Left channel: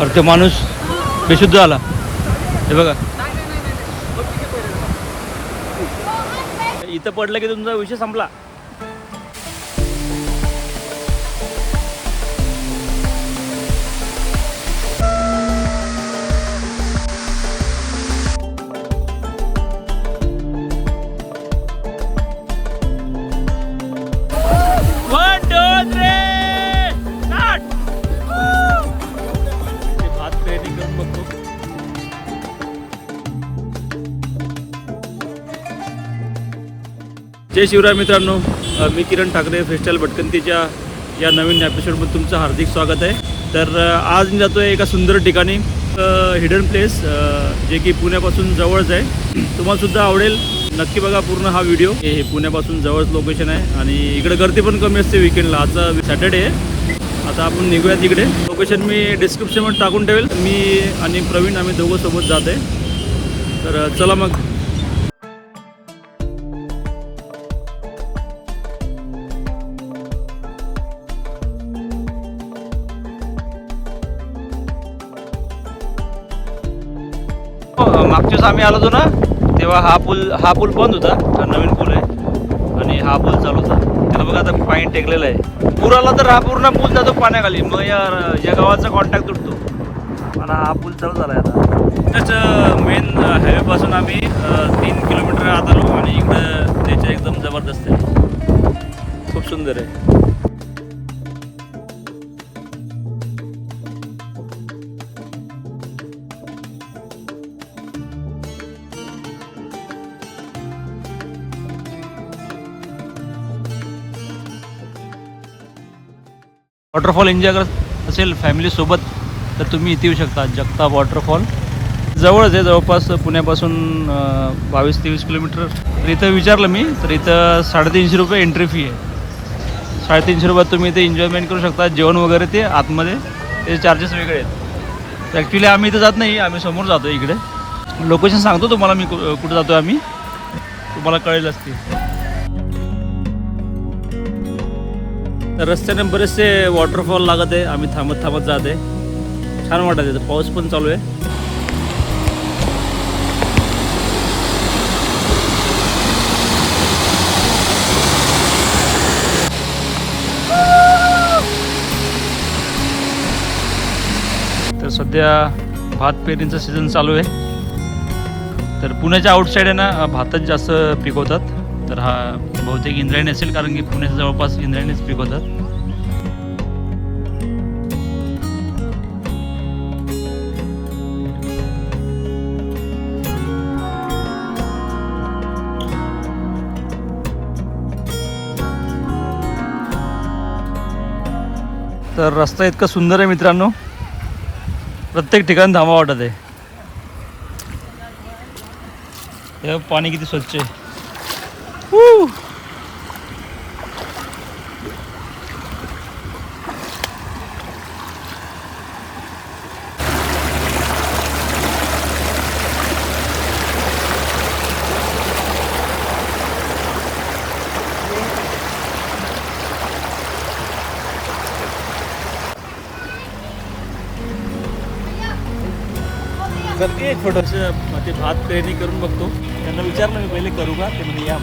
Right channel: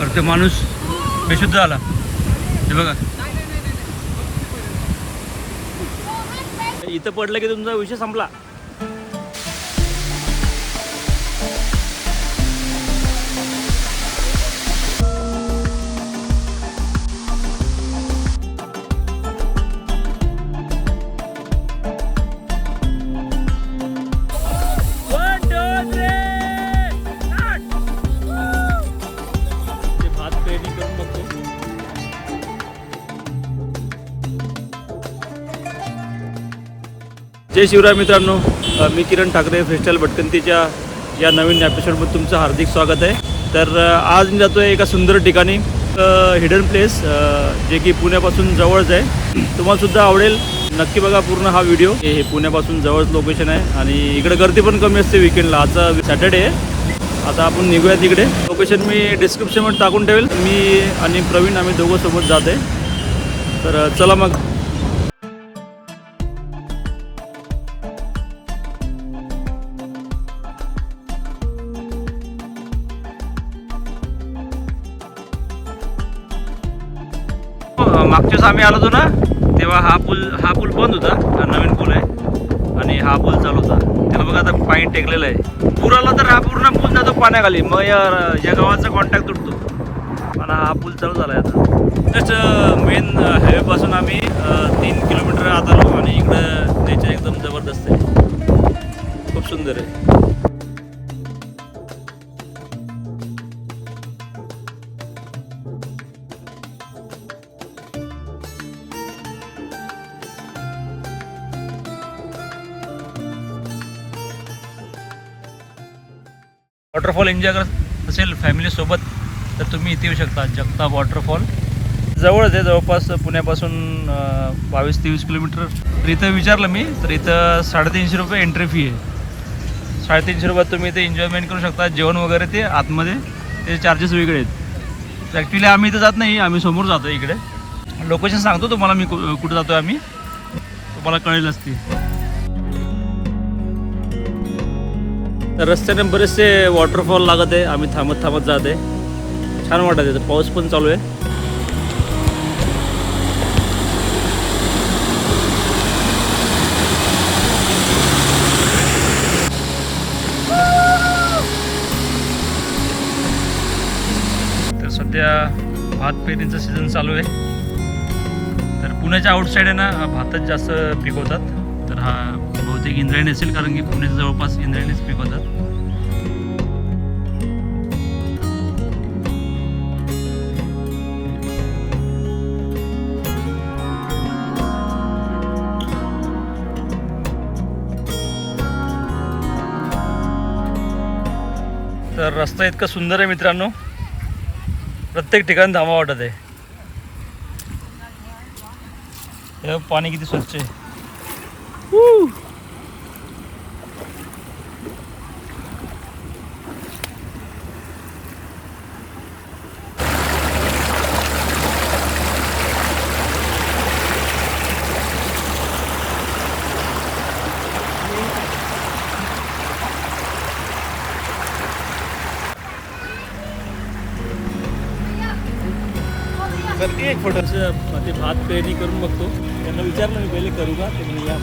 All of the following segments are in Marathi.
तर तो माणूस बेशुद्ध झाला. हे बघा. इथं पडलं की तुमचा विषय संपला. जय शिवराय मित्रांनो. मी किरण ठाकरे फ्रीस्टाईल भटकंतीच्या या नवीन एपिसोडमध्ये तुमचं हार्दिक स्वागत आहे. तर आज मी जातो आहे एका सुंदर ठिकाणी हिडन प्लेस जे की पुण्यापासून जवळच आहे. तुम्हालासुद्धा आवडेल. नक्की बघा पूर्ण हा व्हिडिओ हे पुण्यापासून जवळच लोकेशन आहे आणि इकडे गर्दी पण कमी असते विकेंडला आता सॅटर्डे आहे. आता आपण निघूया तिकडे. लोकेशन मी डिस्क्रिप्शनमध्ये टाकून ठेवेल. मी आणि प्रवीण आम्ही दोघं सोबत जात आहे तर चला मग. आम्ही आलो होतो ना तेव्हा हा पूल हा पूल बंद होता नवीन पूल आहे. आणि हा पूल चालू होता. त्याला बघा आता पाणी टेकलेलं आहे. पूर आला तर हा पूर्ण पूल जातो पाण्याखाली. मग या या गावाचा कॉन्टॅक्ट तुटतो. आणि हा पूल चालू झाला आहे आता जस्ट मेन हायवेपासून आम्ही uh, तीन किलोमीटर आत आलो. आणि इकडं त्याच्या एकदम जबरदस्त आहे. खूप सुंदर आहे. वॉटरफॉल एन्जॉय करत असेल फॅमिलीसोबत तर तुम्ही इथे येऊ शकता जगताप वॉटरफॉल. जवळच आहे जवळपास पुण्यापासून बावीस तेवीस किलोमीटर. तर इथं विचारलं मी तर इथं साडेतीनशे रुपये एंट्री फी आहे. साडेतीनशे रुपयात तुम्ही इथे एन्जॉयमेंट करू शकता जेवण वगैरे ते आतमध्ये त्याचे चार्जेस वेगळे आहेत. तर ॲक्च्युली आम्ही इथं जात नाही आम्ही समोर जातो इकडे. लोकेशन सांगतो तुम्हाला मी कु- कुठं जातो आम्ही. तुम्हाला कळेल असते तर रस्त्याने बरेचसे वॉटरफॉल लागत आहे. आम्ही थांबत थांबत जात आहे. छान वाटत आहे. पाऊस पण चालू आहे. तर सध्या भात पेरणीचा सीझन चालू आहे. तर पुण्याच्या आउटसाईड आहे ना भातच जास्त पिकवतात. तर हा बहुतेक इंद्रायणी असेल कारण की पुण्याच्या जवळपास इंद्रायणीच पिकवतात तर रस्ता इतका सुंदर आहे मित्रांनो. प्रत्येक ठिकाणी धामा वाटत आहे. पाणी किती स्वच्छ आहे. Woo! थोडंसं ते भात पेरणी करून बघतो. त्यांना विचारलं मी पहिले करू का? ते म्हणजे या.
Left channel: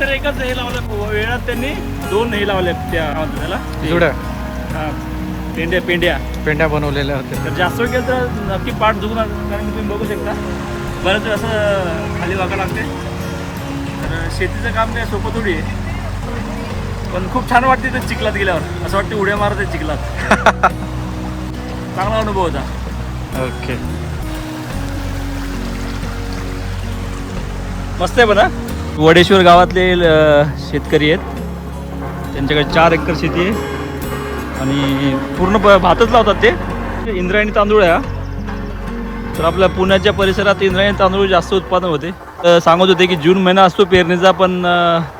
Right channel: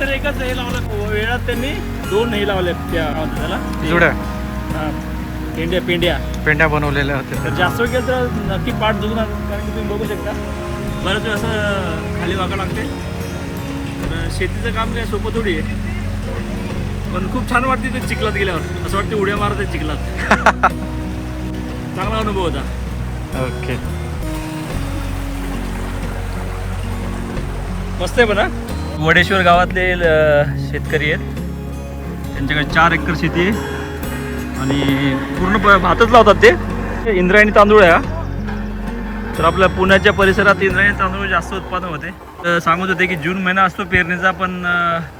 तर एकच हे लावलं वेळात त्यांनी दोन हे लावले त्या त्याला. जुड्या? हा, पेंड्या पेंड्या. पेंड्या बनवलेल्या होत्या. तर जास्त वेळ केलं तर नक्की पाठ दुखणार कारण की तुम्ही बघू शकता. बरंच असं खाली वागा लागते. तर शेतीचं काम काय सोपं थोडी आहे. पण खूप छान वाटते ते चिखलात गेल्यावर. असं वाटते उड्या मारत आहे चिखलात. चांगला अनुभव होता. ओके. मस्त आहे पण वडेश्वर गावातले शेतकरी आहेत. त्यांच्याकडे चार एकर शेती आहे. आणि पूर्ण प- भातच लावतात ते. इंद्रायणी तांदूळ आहे हा. तर आपल्या पुण्याच्या परिसरात इंद्रायणी तांदूळ जास्त उत्पादन होते. तर सांगत होते की जून महिना असतो पेरणीचा पण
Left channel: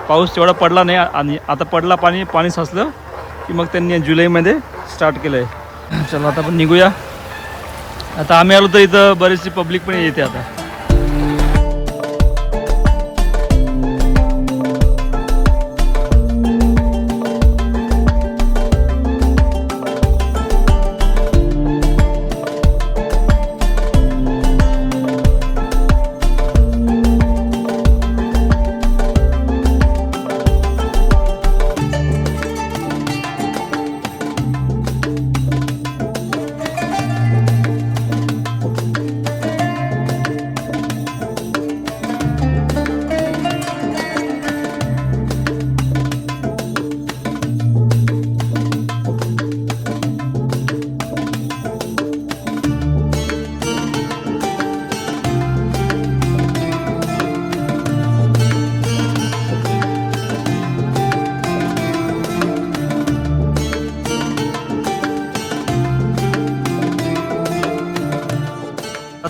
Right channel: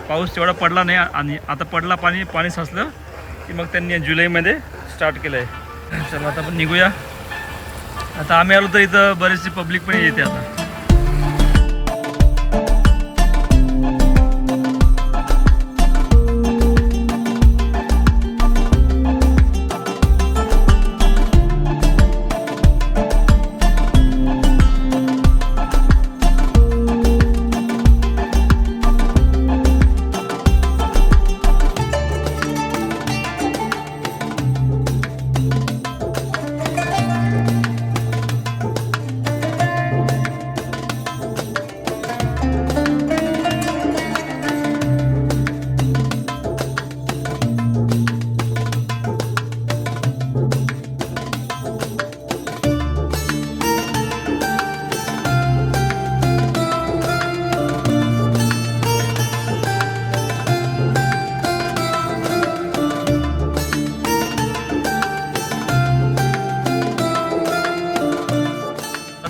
पाऊस तेवढा पडला नाही. आणि आता पडला पाणी पाणी साचलं की मग त्यांनी जुलैमध्ये स्टार्ट केलं आहे चला आता आपण निघूया. आता आम्ही आलो तर इथं बरेचशी पब्लिक पण येते आता.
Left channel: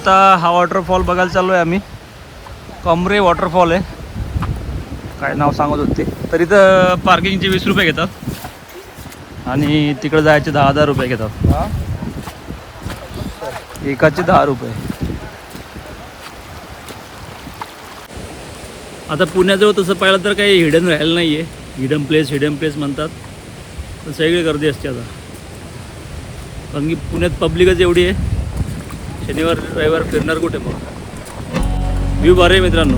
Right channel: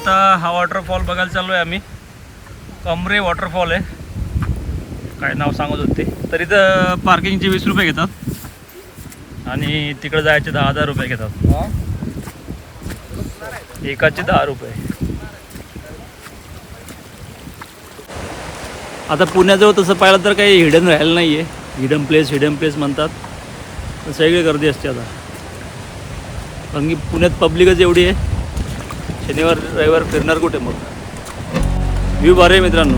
आता हा वॉटरफॉल बघायला चाललो आहे आम्ही. कमरे वॉटरफॉल आहे. काय नाव सांगत होते. तर इथं पार्किंगचे वीस रुपये घेतात. आणि तिकडं जायचे दहा हजार रुपये घेतात. एकाचे दहा रुपये. आता पुण्याजवळ तसं पाहिलं तर काही हिडन राहिलं नाही आहे हिडन प्लेस हिडन प्लेस म्हणतात. पण सगळी गर्दी असते आता. कारण की पुण्यात पब्लिकच एवढी आहे. शनिवार रविवार फिरणार कुठे मग? व्ह्यू भारी आहे मित्रांनो.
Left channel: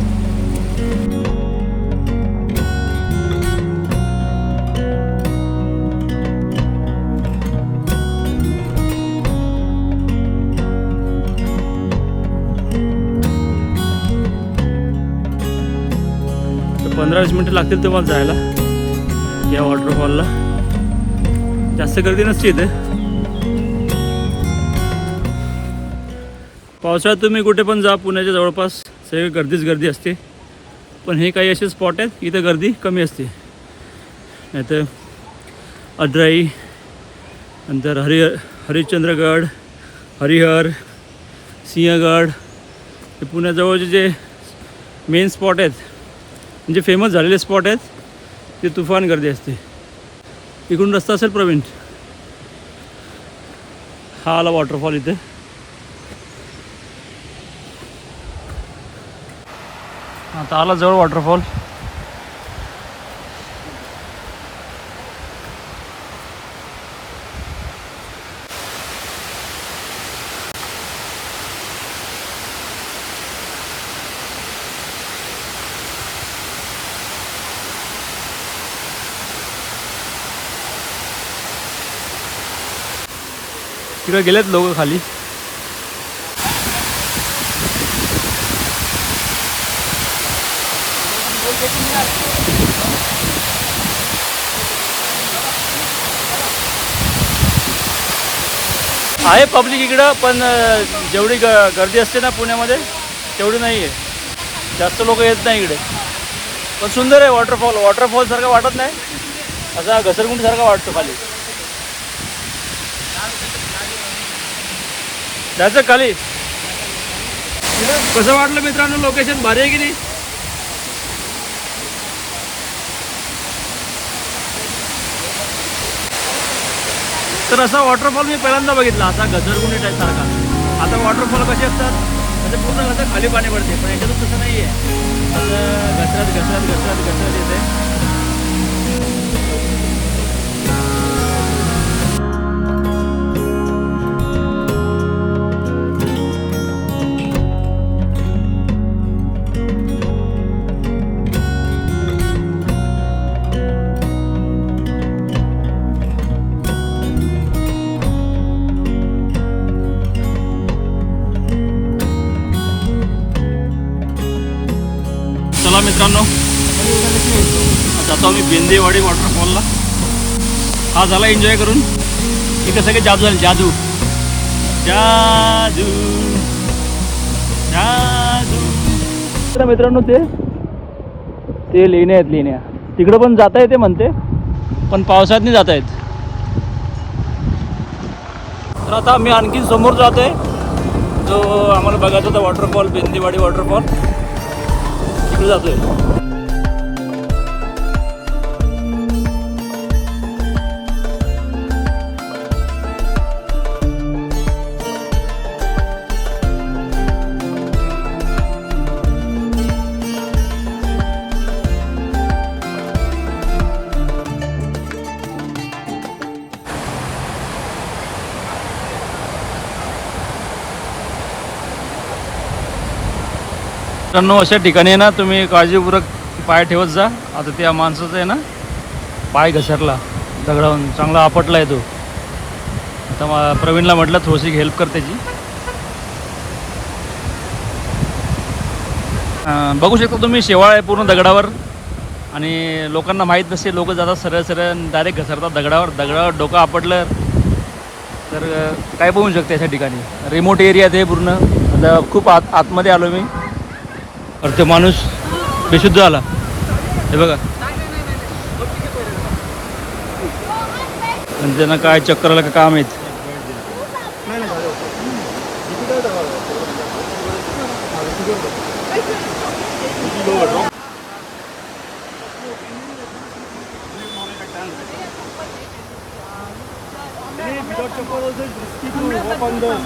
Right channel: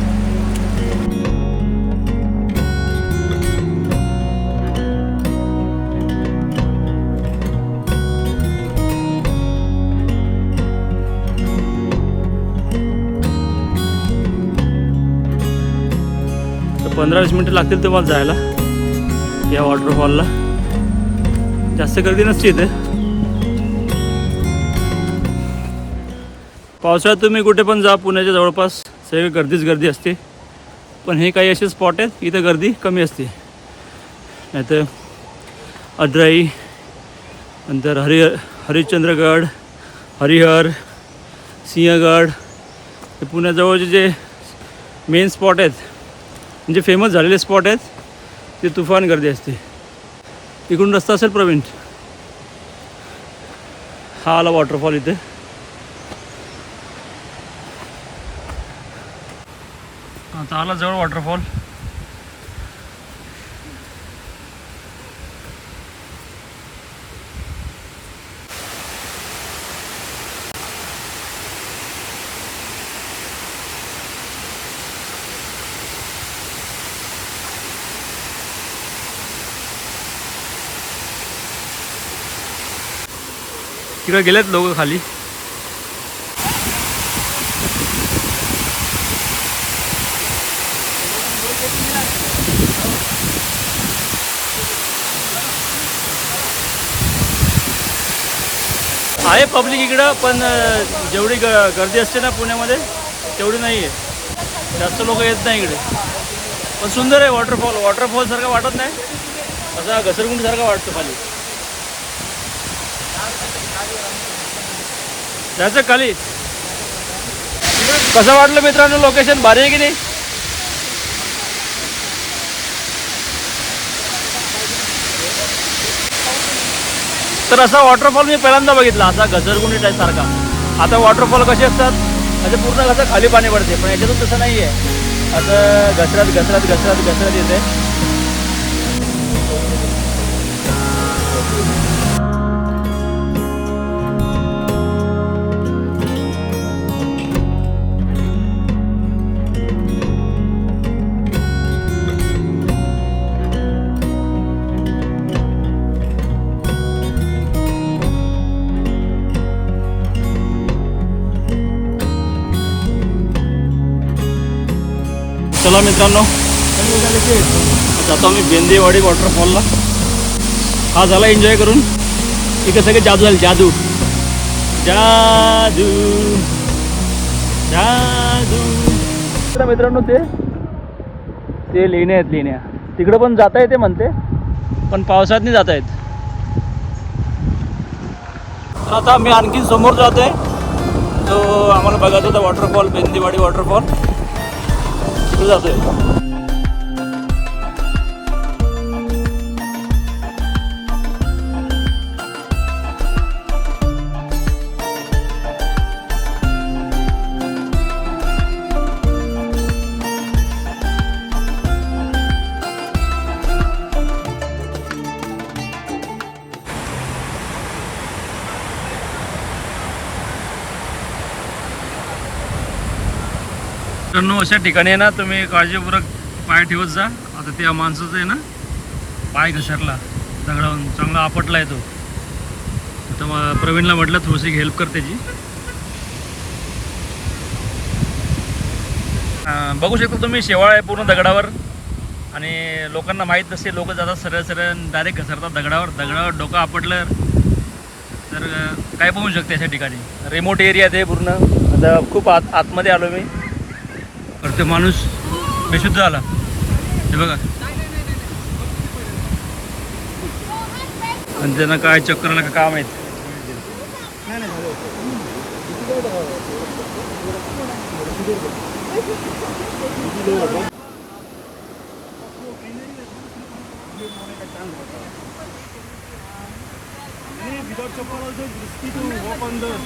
तर पंधरा वीस मिनटं लागतील तुम्हाला जायला या वॉटरफॉलला जास्त गर्दी नसते इथे. पावसाळ्यात तुम्ही कुठे पण जा पुण्याच्या जवळपास सगळी गर्दीच गर्दी असते. पण हे काही असे स्पॉट आहेत इथं गर्दी कमी असते. नाहीतर अद्राई नंतर हरि हरिश्चंद्रगड हरिहर सिंहगड हे पुण्याजवळचे जे मेन स्पॉट आहेत म्हणजे फेमस झालेले स्पॉट आहेत ते तुफान गर्दी असते. इकडून रस्ता असेल प्रवीण. हा आला वॉटरफॉल इथे. आता आला जवळ वॉटरफॉल तिकडे गेलेत लोक खाली. आहे पब्लिक इकडं पण जेवढी ग गर्दी असते ना पुण्यामध्ये तेवढी नाही आहे जास्त लोक येत नाही इकडे. पण सुंदर आहे वॉटरफॉल वॉटरफॉलसारखा वाटत नाही. असा घसरगुंडीसारखा वाटतो खाली. जायचं खाली. कसं वाटलं मित्रांनो लोकेशन भारी आहे की नाही? तर असा वॉटरफॉल मी पहिल्यांदा बघितला असा घसरगुंडी टाईप सारखा. आता वॉटरफॉल कसे असतात? म्हणजे पूर्ण कसं खाली पाणी पडते पण याच्यातून तसं नाही आहे असं घसरत घसरत घसरत घसरत येते. चला मित्रांनो. जातो आम्ही बेंदेवाडी वॉटरफॉलला हा झाला एन्जॉय करून. इकडे सगळे जादू झाले जादू. जादू. जादू. मित्रांनो ते ते लेण्या आहेत लेण्या. तिकडं पण जाता येते म्हणते पण पावसात नाही जाता येत तर आता आम्ही आणखी समोर जात आहे जो आम्हाला बघायचा होता वॉटरफॉल बिंदीवाडी वॉटरफॉल तिकडे जातोय मित्रांनो अशा ठिकाणी आहे ना तुम्ही काळजीपूर्वक पाय ठेवत जा. आता त्या माणसाचा आहे ना पाय घसरला दगडावून चांगला आपटला आहे तो आता मा- प्रवीणला म्हटलं थोडीशी हेल्प कर त्याची. बघू शकता तुम्ही शेवाळ आहे पूर्ण दगडावर. आणि लोकांना माहीत नसते लोक जातात सरळ सरळ डायरेक्ट घसरतात दगडावर. दगडावर डोकं आपटलं तर काय बघू शकते अशा ठिकाणी. रिमोट एरियात आहे पूर्ण. आता खूप आत आतमध्ये आलो मी. तर तो माणूस बेशुद्ध झाला. हे बघा. आणि त्यांना काय चक्कर आलं का काम आहेत?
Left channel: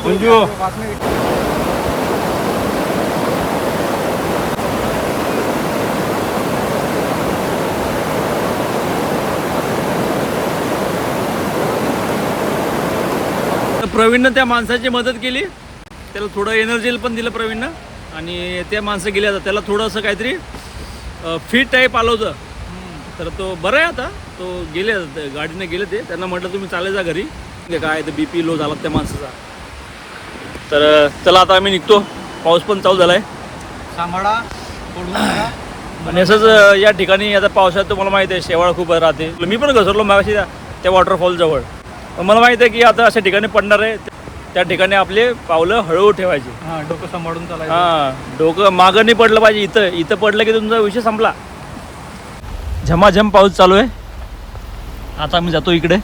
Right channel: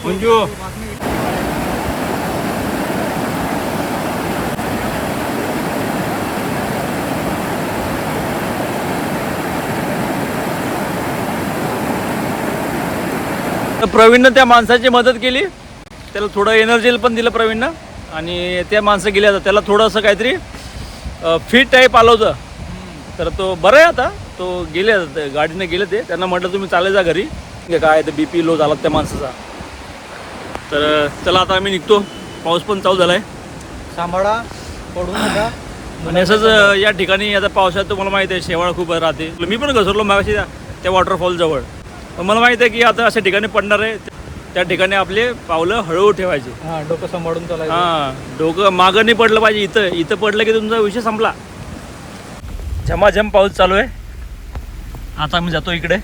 मंजू. तर प्रवीणनं त्या माणसाची मदत केली. त्याला थोडं एनर्जी पण दिलं प्रवीणनं. आणि त्या माणसं गेले आता त्याला थोडंसं काहीतरी फिट टाईप आलं होतं. तर तो बरं आहे आता. तो गेले गाडीने गेले ते. त्यांना म्हटलं तुम्ही चाले जा घरी. म्हणजे काय ते बी पी लो झाला त्या माणसाचा. तर चला आता आम्ही निघतो. पाऊस पण चालू झाला आहे. आणि असंच या ठिकाणी आता पावसाळ्यात तुम्हाला माहिती आहे शेवाळ खूप राहते. मी पण घसरलो मागाशी त्या वॉटरफॉल जवळ. मला माहिती आहे की आता अशा ठिकाणी पडणार आहे. त्या ठिकाणी आपले पावलं हळूहळू ठेवायचे. हा, डोकं सांभाळून हां डोकं मागं नाही पडलं पाहिजे इथं. इथं पडलं की तुमचा विषय संपला. झमाझम पाऊस चालू आहे. आता आम्ही जातो इकडे.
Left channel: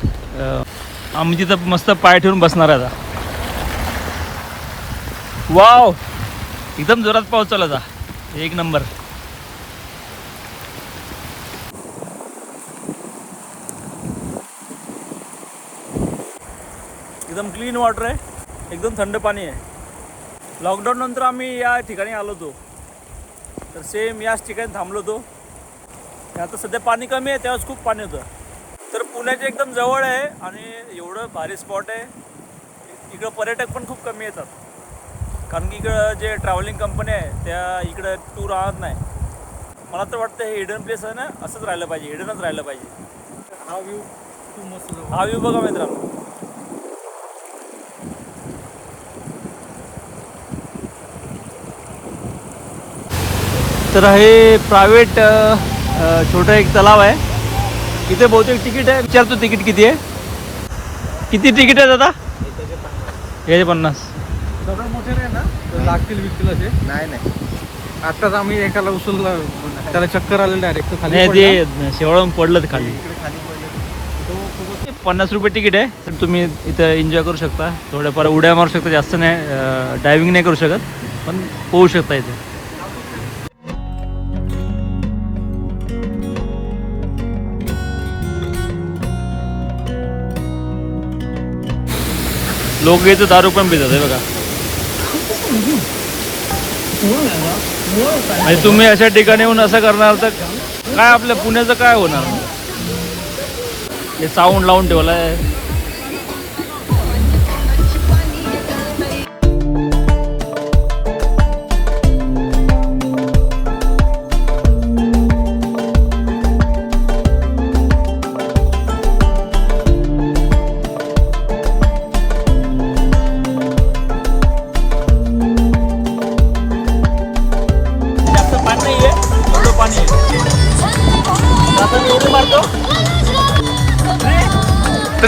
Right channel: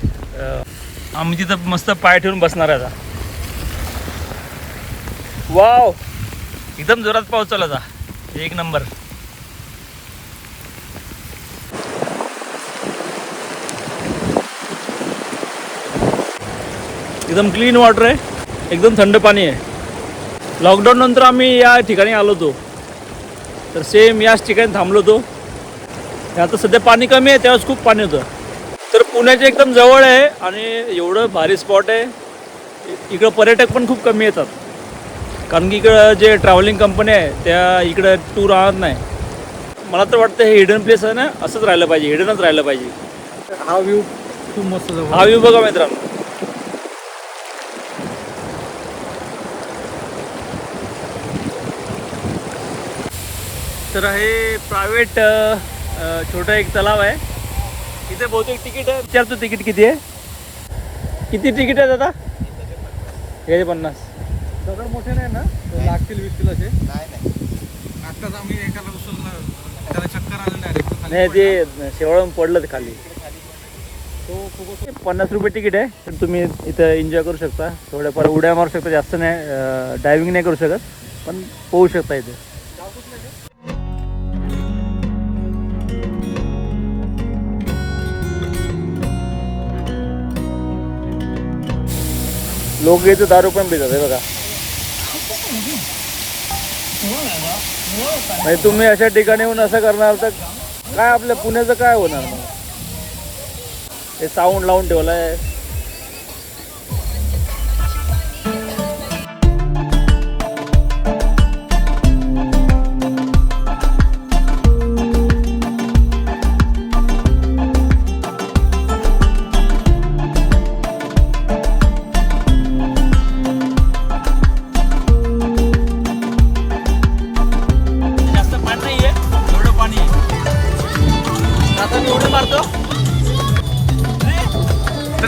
आम्ही तिथं मस्त पाय ठेवून बसणार आहे आता. वाव! एकदम जोरात पाऊस चालू आहे आता. एक नंबर. एकदम क्लीन वॉटर आहे. एकदम थंड पाणी आहे. लॉकडाऊन नंतर आम्ही या ठिकाणी आलो होतो. तर सेम याच ठिकाणी थांबलो होतो. आता सध्या पाणी कमी आहे त्यावेळेस खूप पाणी होतं. तर पुण्याच्या एकदम जवळ आहे आणि एवढं भारी स्पॉट आहे. इकडं पर्यटक पण खूप कमी येतात. कारण की इकडं जे ट्रॅव्हलिंग कंपनी आहे त्या इकडं टूर आणत नाही. मला तर वाटतं हे हिडन प्लेस आहे ना असंच राहिलं पाहिजे हिडनच राहिलं पाहिजे. हा व्ह्यू खूप मस्त. हा व्ह्यू बघा मित्रांनो. तर हे प्रायव्हेट छोटं एक तलाव आहे. इथे बहुतेक तिकीट आहे. विचारतो तिकीट किती आहे? किती तिकीट आहे दादा? हे पन्नास. नाही नाही नाही आत्ताच आम्ही एकाला उचलला. त्याला चक्कर आले डायरेक्ट खाली पडला. शेवळून खाली. पन्नास रुपये तिकीट आहे. तर तुम्ही इथं एन्जॉय करू शकता. थोड्याफार उड्या मारू शकता. जास्त नाही डायव्हिंग नाही करू शकत. पण पोहू शकता इथे. लोक इथं दारू पण पितात हे बघा. म्हणजे तुम्ही अशा ठिकाणी येऊन असं करणार तर काय आपल्या पुण्याचं काय होणार? हे साऊंड लावून ठेवलाय.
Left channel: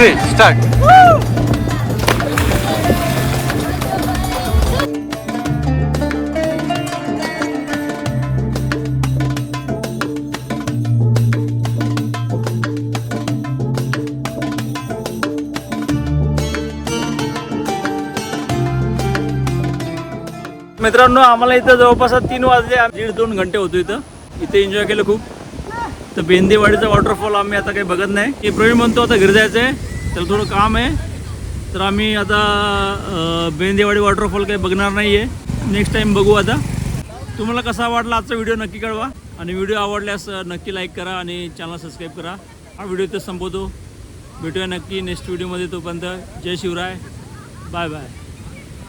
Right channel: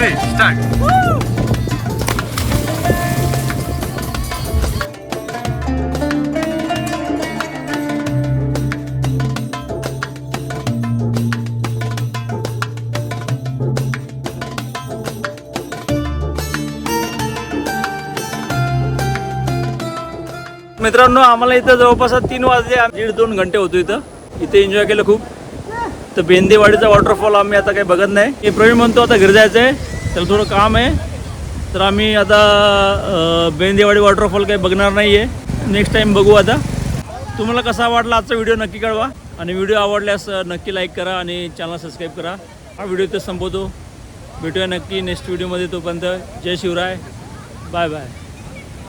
थ्री स्टार्ट मित्रांनो आम्हाला इथं जवळपास तीन वाजले. दीड दोन घंटे होतो इथं. इथे एन्जॉय केलं खूप. तर बेंदेवाडीचा वॉटरफॉल आम्ही आता काही बघत नाही. हे प्रवीण म्हणतो आता घरी जायचंय. त्याला थोडं काम आहे. तर आम्ही आता बेंदेवाडी वॉटरफॉल काही बघणार नाही आहे नेक्स्ट टाईम बघू आता. तुम्हाला कसा वाटला आजचा व्हिडिओ नक्की कळवा. आणि व्हिडिओ आवडल्यास नक्की लाईक करा आणि चॅनल सबस्क्राईब करा. हा व्हिडिओ इथं संपवतो. भेटूया नक्की नेक्स्ट व्हिडिओमध्ये तोपर्यंत. जय शिवराय. Bye bye